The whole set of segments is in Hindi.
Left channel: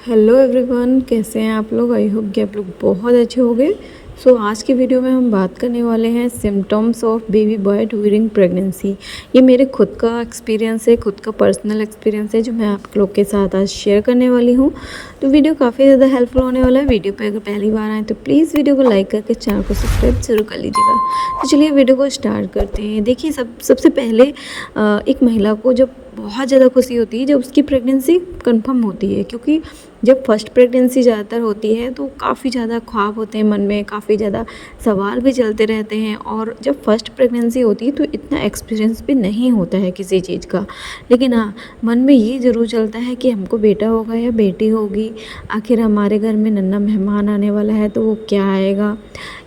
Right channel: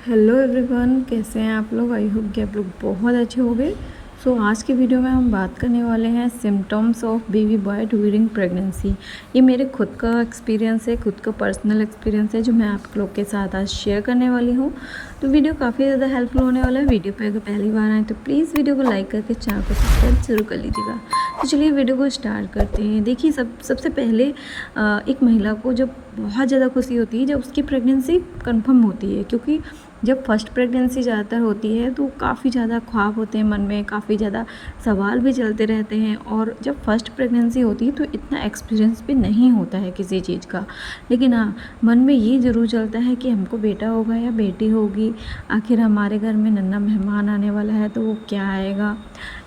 हेलो एवरीवन, कैसे हैं आप लोग। आई होप कि आप लोग बहुत अच्छे होंगे। आज की वीडियो में हम बात करने वाले हैं symptoms of baby boy during pregnancy. ये मेरे खुद का एक्सपीरियंस है, खुद का पर्सनल एक्सपीरियंस है जो मैं आप लोग के साथ आज शेयर करने वाली हूँ। तो वीडियो काफ़ी ज़्यादा हेल्पफुल होने वाला है। वीडियो पे अगर पहली बार आए तो प्लीज़ वीडियो को लाइक करके चैनल को सब्सक्राइब जरूर कर लीजिएगा। तो चलिए वीडियो को स्टार्ट करते हैं। देखिए, सबसे पहले एक महिला को जब बहुत ज़्यादा खुशी होती है जब उसकी प्रेगनेंसी कंफर्म होती है, क्योंकि जब फर्स्ट प्रेगनेंसी ज़्यादातर होती है तो काफ़ी ज़्यादा ख्वाब होते हैं मन में, काफ़ी ज़्यादा सवाल भी चलते रहते हैं। और जब फर्स्ट प्रेगनेंसी होती है तो इतना एक्सपीरियंस भी नहीं होता है किसी चीज़ का, लेकिन हाँ, मन में ये ज़रूर चलता है कि हमको बेटा होगा या बेटी होगी। आखिर हमारे घर में नन्हा मेहमान आने वाला है तो वो क्या आएगा,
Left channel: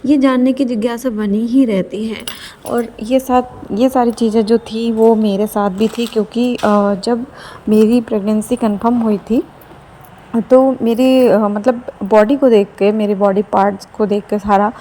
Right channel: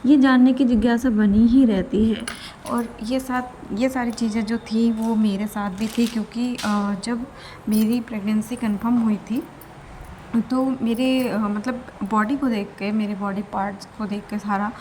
ये जानने की जिज्ञासा बनी ही रहती है। और ये सारी चीज़ें जो थी वो मेरे साथ भी थी, क्योंकि जब मेरी प्रेगनेंसी कंफर्म हुई थी तो मेरी मतलब बॉडी को देख के, मेरे बॉडी पार्ट्स को देख के सारा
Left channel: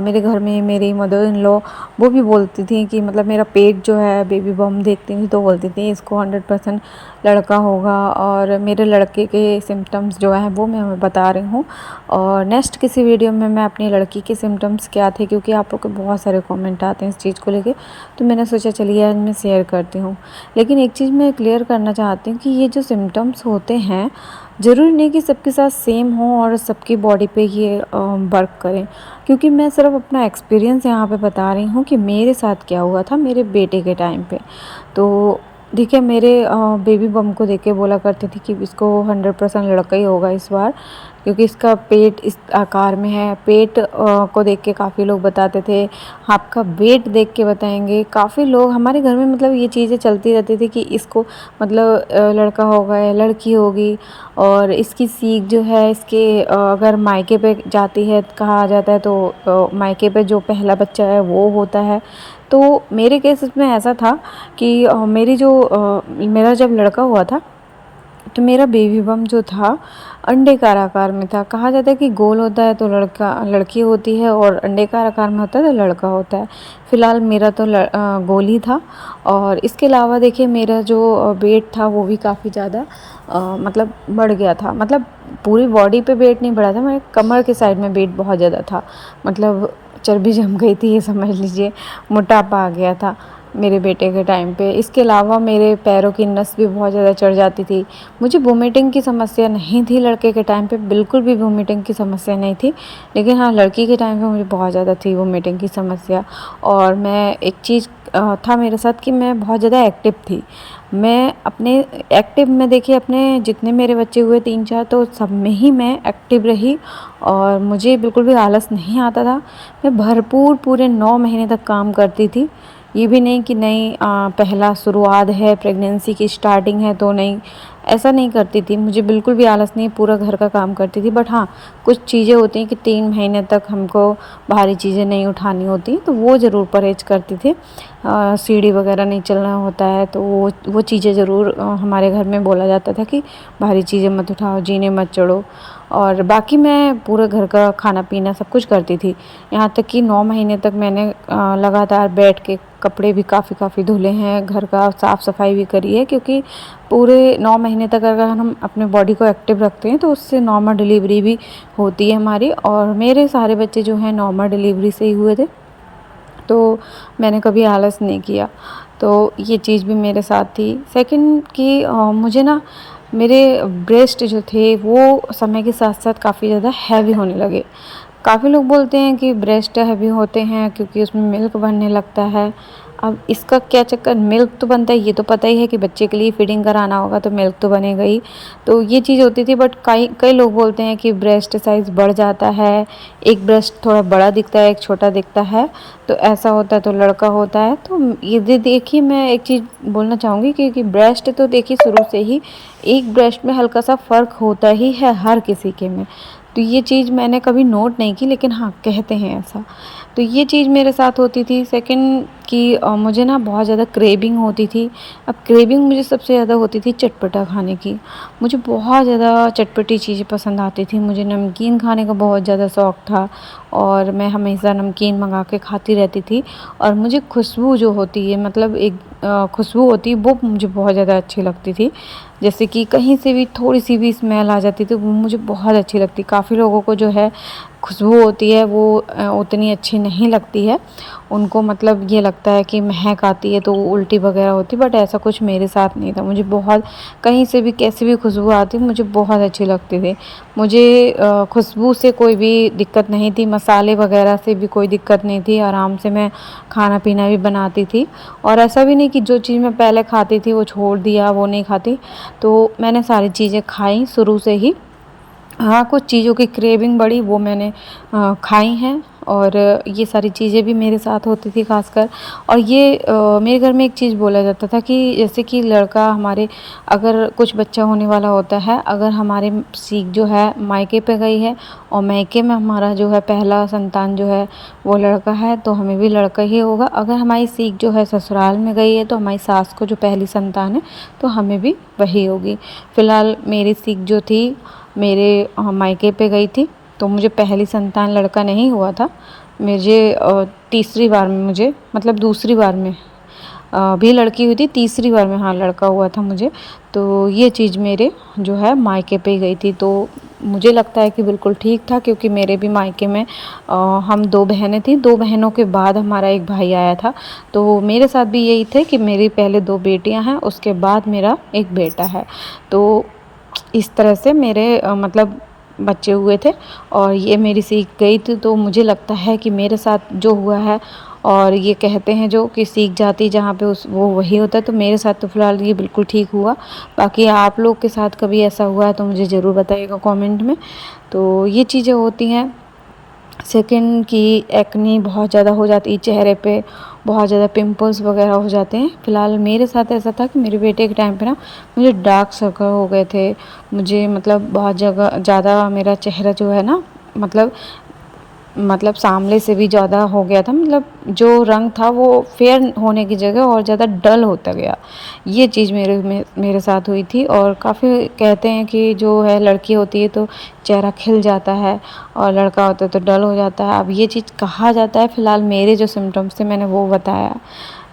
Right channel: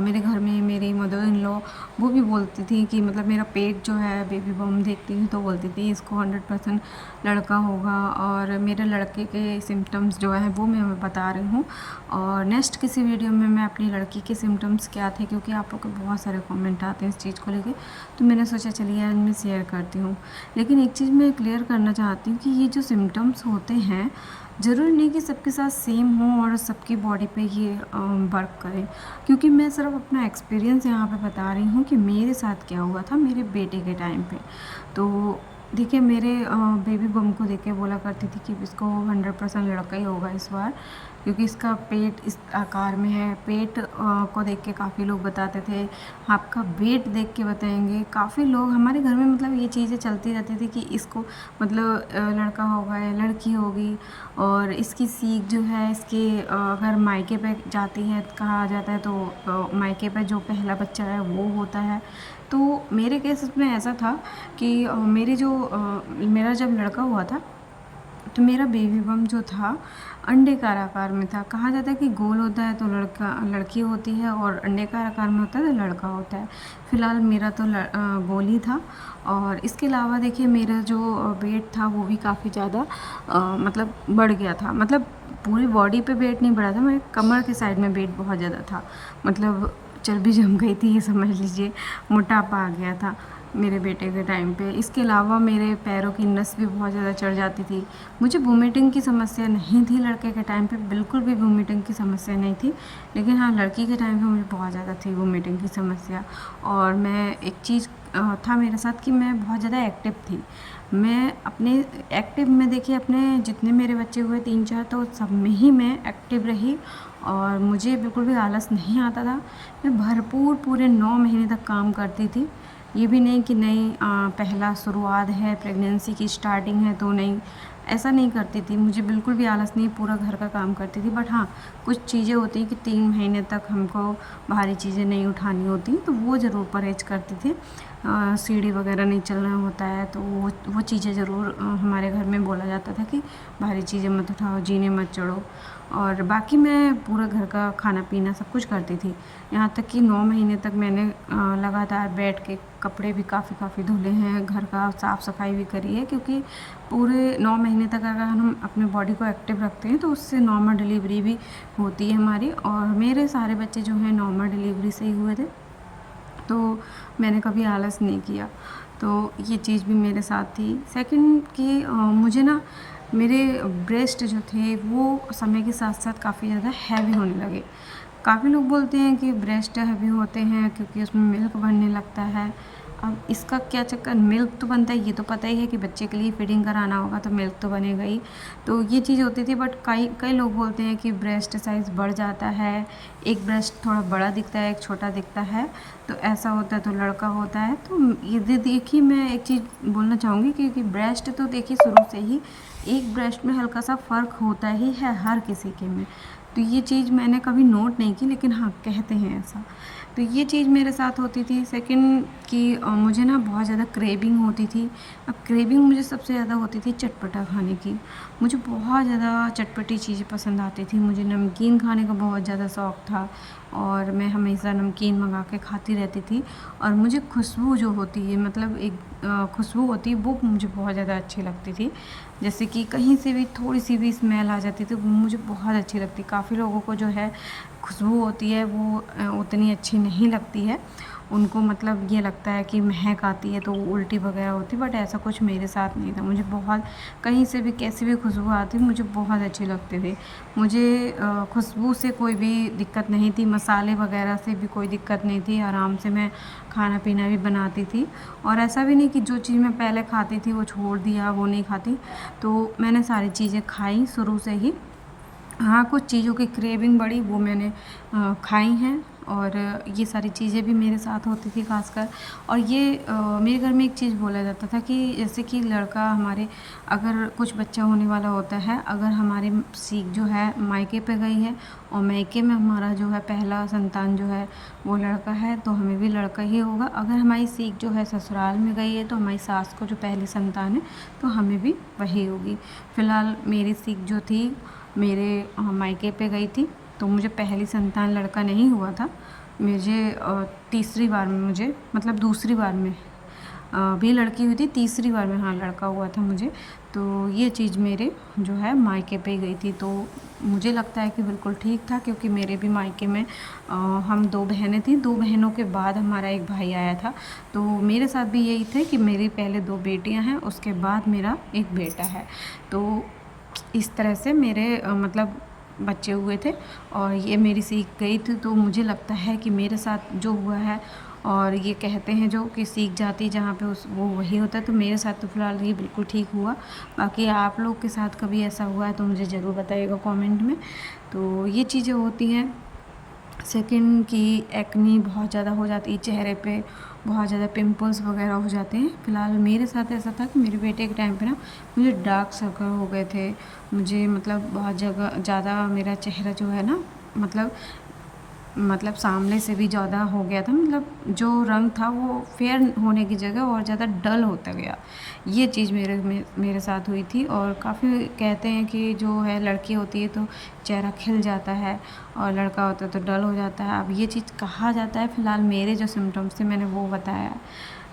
मेरे घर में मेरी मदर इन लॉ वो भी बोलती थी कि मतलब मेरा पेट जो है, बेबी बम देखती थी तो बोलती थी इसको 100% लड़का होगा। और मेरे लड़के के सिम्टम्स जो हैं वो मैं बता रही हूँ। और नेक्स्ट किसी वीडियो में मैं अपनी लड़की के सिम्टम्स क्या थे, क्योंकि आप लोग के बहुत सारे कमेंट आते हैं इस चीज़ को लेके, तो मैंने सोचा चलिए आज मैं शेयर करती हूँ। लेकिन एक चीज़ मैं क्लियर करना चाहती हूँ कि ये जो सिम्टम्स होते हैं ज़रूरी नहीं कि सबके साथ सेम हो और सबकी बॉडी पे ये वर्क करें, क्योंकि मैं सिर्फ अपना एक्सपीरियंस यहाँ पे बता रही हूँ कि मेरे साथ क्या हुआ था मेरे बेटे के टाइम पे। तो देखिए, मेरे बेबी बम को देख के बोला करते थे कि इसको 100% लड़का ही होगा इस बार, क्योंकि इसका पेट इस आकार में है। पेट को देख के काफ़ी लोग बताते थे, आपका वेट देख के बताएंगे। काफ़ी लोग हमारे घर में मतलब ये चीज़ें चलती रहती थी कि इसको मतलब लड़का होगा या लड़की होगी। और इसकी सीख जो है, इसके अगर मायके पे जाती है कहा जाता है तो मायके पे जो पहला बच्चा है वो होता है। तो मेरे केस में ऐसा था कि मेरा जब लड़का हुआ था तो मेरा बेबी बम जो था अंडे का आकार में था। कहा जाता है कि गोल होता है तो लड़की होती है और अंडे का आकार में होता है तो लड़का होता है। फ़िलहाल मेरा तो गोल ही था। और इसके अलावा देखिए, मेरा जो वेट था वो भी काफ़ी ज़्यादा मतलब बढ़ गया था। मतलब पूरी बॉडी पे वेट नहीं बढ़ा था, मेरे कमर के साइड में वेट बहुत ज़्यादा था। मतलब चर्बी जम गई थी, ये समझ लीजिए, मोटापा आ गया था मेरे बेटे के टाइम पे। इसके अलावा मेरे पैरों की नस भी बहुत ज़्यादा चढ़ जाती थी। मुझे वोमिटिंग की समस्या नहीं थी लड़के के टाइम पे, बिल्कुल भी वोमिटिंग की समस्या नहीं थी। लेकिन हाँ, लड़की के टाइम पे मुझे बहुत ज़्यादा थी वोमिटिंग की समस्या। और मैं एक चीज़ था मेरे साथ कि मैं बहुत ज़्यादा एक्टिव थी। मैं अपने एक्टिव में देखिए, अपने जितने मेरे बच्चे हुए 3-4 तो सब में ही मैं एक्टिव रही। और मुझे बिल्कुल भी आलस नहीं आता था। मैं भरपूर पूरे 9 महीने तक काम करती थी। ये भी नहीं कि नहीं पहला शुरुआत है, प्रेगनेंसी की स्टार्टिंग है तो नहीं, ऐसा नहीं करती थी। मुझे बिल्कुल भी आलस नहीं, पूरा घर का काम करती थी। बट हाँ, कुछ चीज़ें होती हैं कि 3 महीने तक हमको भारी चीज़ें नहीं उठानी होती, तो वो ज़रूर परहेज़ करती थी। सीढ़ी वगैरह नहीं चलना होता है तो वो चीज़ें ज़रूर हमारे घर में बोला जाता था कि भारी चीज़ें मत उठाओ, जीने मत चढ़ो। और बाकी मैं पूरे घर का खाना पीना सब कुछ करती थी। यहाँ तक कि 9 महीने तक मैंने लगातार बैठ के कपड़े भी काफ़ी धुले हैं, घर का साफ़ सफाई भी करी है, क्योंकि पूरे 9 महीने तक अगर हम अपने बॉडी को एक्टिव रखते हैं तो उससे नॉर्मल डिलीवरी भी होती है हमारी। और मेरे सारे बच्चे जो हैं नॉर्मल डिलीवरी से ही हुए थे, तो मैंने कभी आलस नहीं किया। तो ये चीज़ भी मेरे साथ थी। सेकंड कि मुझे ना मेरे ब्रेस्ट जो थे वो समय के साथ साथ काफ़ी ज़्यादा हैवी होने लगे। काफ़ी लोग बोलते हैं कि ब्रेस्ट हैवी होते हैं क्योंकि उसमें मिल्क बनने लगता है। अब इसका क्या चक्कर, मिल्क तो बनता है, ये तो पता ही है कि बच्चे के लिए फीडिंग कराना होगा तो मिल्क तो बनेगा ही। तो ये चीज़ होती थी। बट कई कई लोग बोलते हैं कि ब्रेस्ट साइज़ बढ़ जाता है, एक ब्रेस्ट थोड़ा बड़ा दिखता है, एक छोटा दिखता है, तो ऐसा होता है तो लड़का होता है। तो ये देखिए, मैं एक चीज़ बोलना चाहूँगी कि ब्रेस्ट तो देखिए शुरू से ही एक ब्रेस्ट में हल्का सा फ़र्क होता ही है हर किसी के में। तो ये चीज़ मैंने कभी नोट नहीं की, लेकिन हाँ, कहते हैं ऐसा। तो ये चीज़ मेरे साथ होती थी। सेकंड कि मुझे ना बहुत ज़्यादा क्रेविंग होती थी। अब क्रेविंग मुझे सबसे ज़्यादा होती थी चटपटा खाने की। मुझे बहुत ज़्यादा चटपटी चीज़ें पसंद आती थी। मुझे नमकीन खाने का बहुत ज़्यादा शौक़ था और मैं हमेशा नमकीन मंगा के खाती रहती थी। और मुझे खुशबू जो होती है, मतलब एक खुशबू होती है, वो मुझे बहुत ज़्यादा अच्छी लगती थी। जैसे कि कहीं से भी थोड़ी सी भी स्मेल आ जाती थी वो मुझे बहुत अच्छी लगती। काफ़ी लोगों को जो है खुशबू होती है वो उतनी अच्छी नहीं लगती है, उनको मतलब ये लगता है कि महक आती है तो उल्टी वगैरह होती, बट ऐसा कुछ मेरे साथ नहीं था। मुझे बहुत कहीं से भी कैसी भी खुशबू आती मुझे बहुत अच्छी लगती थी। मुझे खुशबू से कोई भी दिक्कत नहीं थी, मसाले वगैरह से भी कोई दिक्कत नहीं थी, आराम से मैं खाना पीना भी बनाती थी। और ऐसा भी नहीं कि जो चीज़ मैं पहले खाती थी वो छोड़ दिया, वो नहीं खाती, तो मैंने सारी चीज़ें खाई शुरू से ही। हाँ, कुछ चीज़ों की क्रेविंग बढ़ी वो मैंने खाई हैं, और ये सारी चीज़ें भी मेरे साथ होती थी ख़ासकर। और ये मेरे घर में एक चीज़ बोला जाता था कि जैसे कि लड़का हमारे, अगर कुछ बच्चा होने वाला होता है, अगर हमारे सीख जो है मायके पे गई है और मायके में हमारा जो है पहला संतान जो है वो लड़का है तो हमें भी लड़का ही होगा। अगर हमारी सीख जो है ससुराल में गई है तो हमारी सास को जो पहली संतान है तो हमें भी वही होगी। फ़िलहाल मेरी सीख जो थी मेरे मायके पे गई थी तो मुझे पहली संतान लड़का नहीं हुआ था। मुझे तीसरी बार में, मुझे मतलब दूसरी बार में भी लड़की हुई थी, तीसरी बार में हाँ लड़का हुआ था मुझे। तो ये चीज़ मेरे जो है मायके पे ही गई थी, तो मुझे लगता है कि बिल्कुल ठीक था, क्योंकि मेरे भी मायके में हम 2 बहनें थीं, 2 बहनों के बाद हमारा एक भाई आया था। तो मेरे साथ भी यही थे कि मेरी पहले 2 बेटियां हैं, उसके बाद मेरा एक बेटा है। तो इस तरह से मेरे मतलब बच्चे हुए थे और ये मेरी सीख गई थी। तो मुझे लगता है कि मेरे साथ जो हुआ है, और ये कहते हैं जो कि सीख जाती जहाँ पे उस वो वही होता है, तो मेरे साथ तो फ़िलहाल ये बिल्कुल ठीक हुआ। बाकी आप लोग के साथ कभी ऐसा हुआ है तो मुझे ज़रूर बताइएगा कमेंट में। तो ये चीज़ें होती हैं। सेकंड की एक्ने बहुत ज़्यादा हो जाती है चेहरे पे, बहुत ज़्यादा पिंपल्स वगैरह हो जाते हैं। फ़िलहाल मेरे साथ ऐसा था कि मेरे बेटे के टाइम पे ना मुझे डार्क सर्कल हो गए थे। मुझे मतलब बहुत जगह ज़्यादा मेरा चेहरा जो है ना मतलब सामने से भी ज़्यादा हो गया था, मतलब जो रंग था वो फेयर होने की जगह और ज़्यादा डल होता गया। ये चीज़ मेरे साथ हुई थी। और काफ़ी कहते हैं कि जो है लड़की होती है तो चेहरा खिल जाता है और लड़का होता है तो डल हो जाता है। अब ये चीज़ कहा जाता है, फ़िलहाल मेरे जो सिम्टम्स थे मैंने वो बताया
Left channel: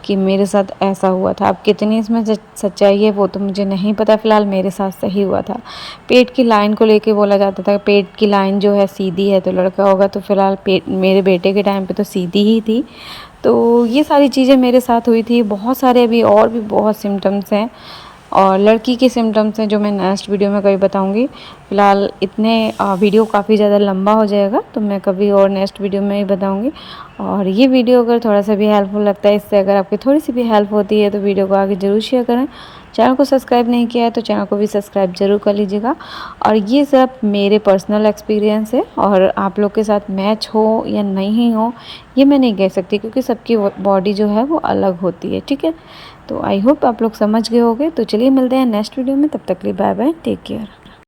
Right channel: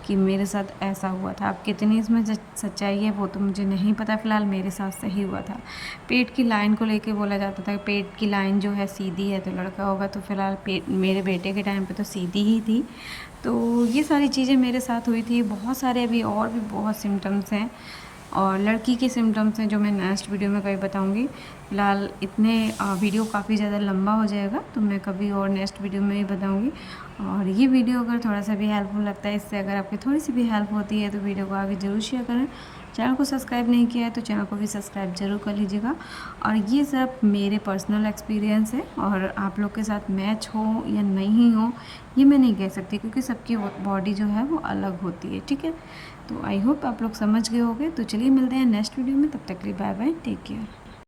कि मेरे साथ ऐसा हुआ था। अब कितनी इसमें सच्चाई है वो तो मुझे नहीं पता, फ़िलहाल मेरे साथ सही हुआ था। पेट की लाइन को लेके बोला जाता था पेट की लाइन जो है सीधी है तो लड़का होगा, तो फ़िलहाल पेट मेरे बेटे के टाइम पे तो सीधी ही थी। तो ये सारी चीज़ें मेरे साथ हुई थी। बहुत सारे अभी और भी बहुत सिम्टम्स हैं और लड़की के सिम्टम्स हैं जो मैं नेक्स्ट वीडियो में कभी बताऊंगी। फ़िलहाल इतने वीडियो काफ़ी ज़्यादा लंबा हो जाएगा तो मैं कभी और नेक्स्ट वीडियो में ही बताऊंगी। और ये वीडियो अगर थोड़ा सा भी हेल्पफुल लगता है, इससे अगर आपकी थोड़ी सी भी हेल्प होती है तो वीडियो को आगे ज़रूर शेयर करें। चैनल को सब्सक्राइब नहीं किया है तो चैनल को भी सब्सक्राइब ज़रूर कर लीजिएगा। और ये सिर्फ मेरे पर्सनल एक्सपीरियंस है और आप लोग के साथ मैच हो या नहीं हो ये मैं नहीं कह सकती, क्योंकि सबकी बॉडी जो है वो अलग होती है। ठीक है, तो आई होप आप लोग समझ गए होंगे। तो चलिए मिलते हैं नेक्स्ट वीडियो में, तब तक के लिए बाय बाय, टेक केयर।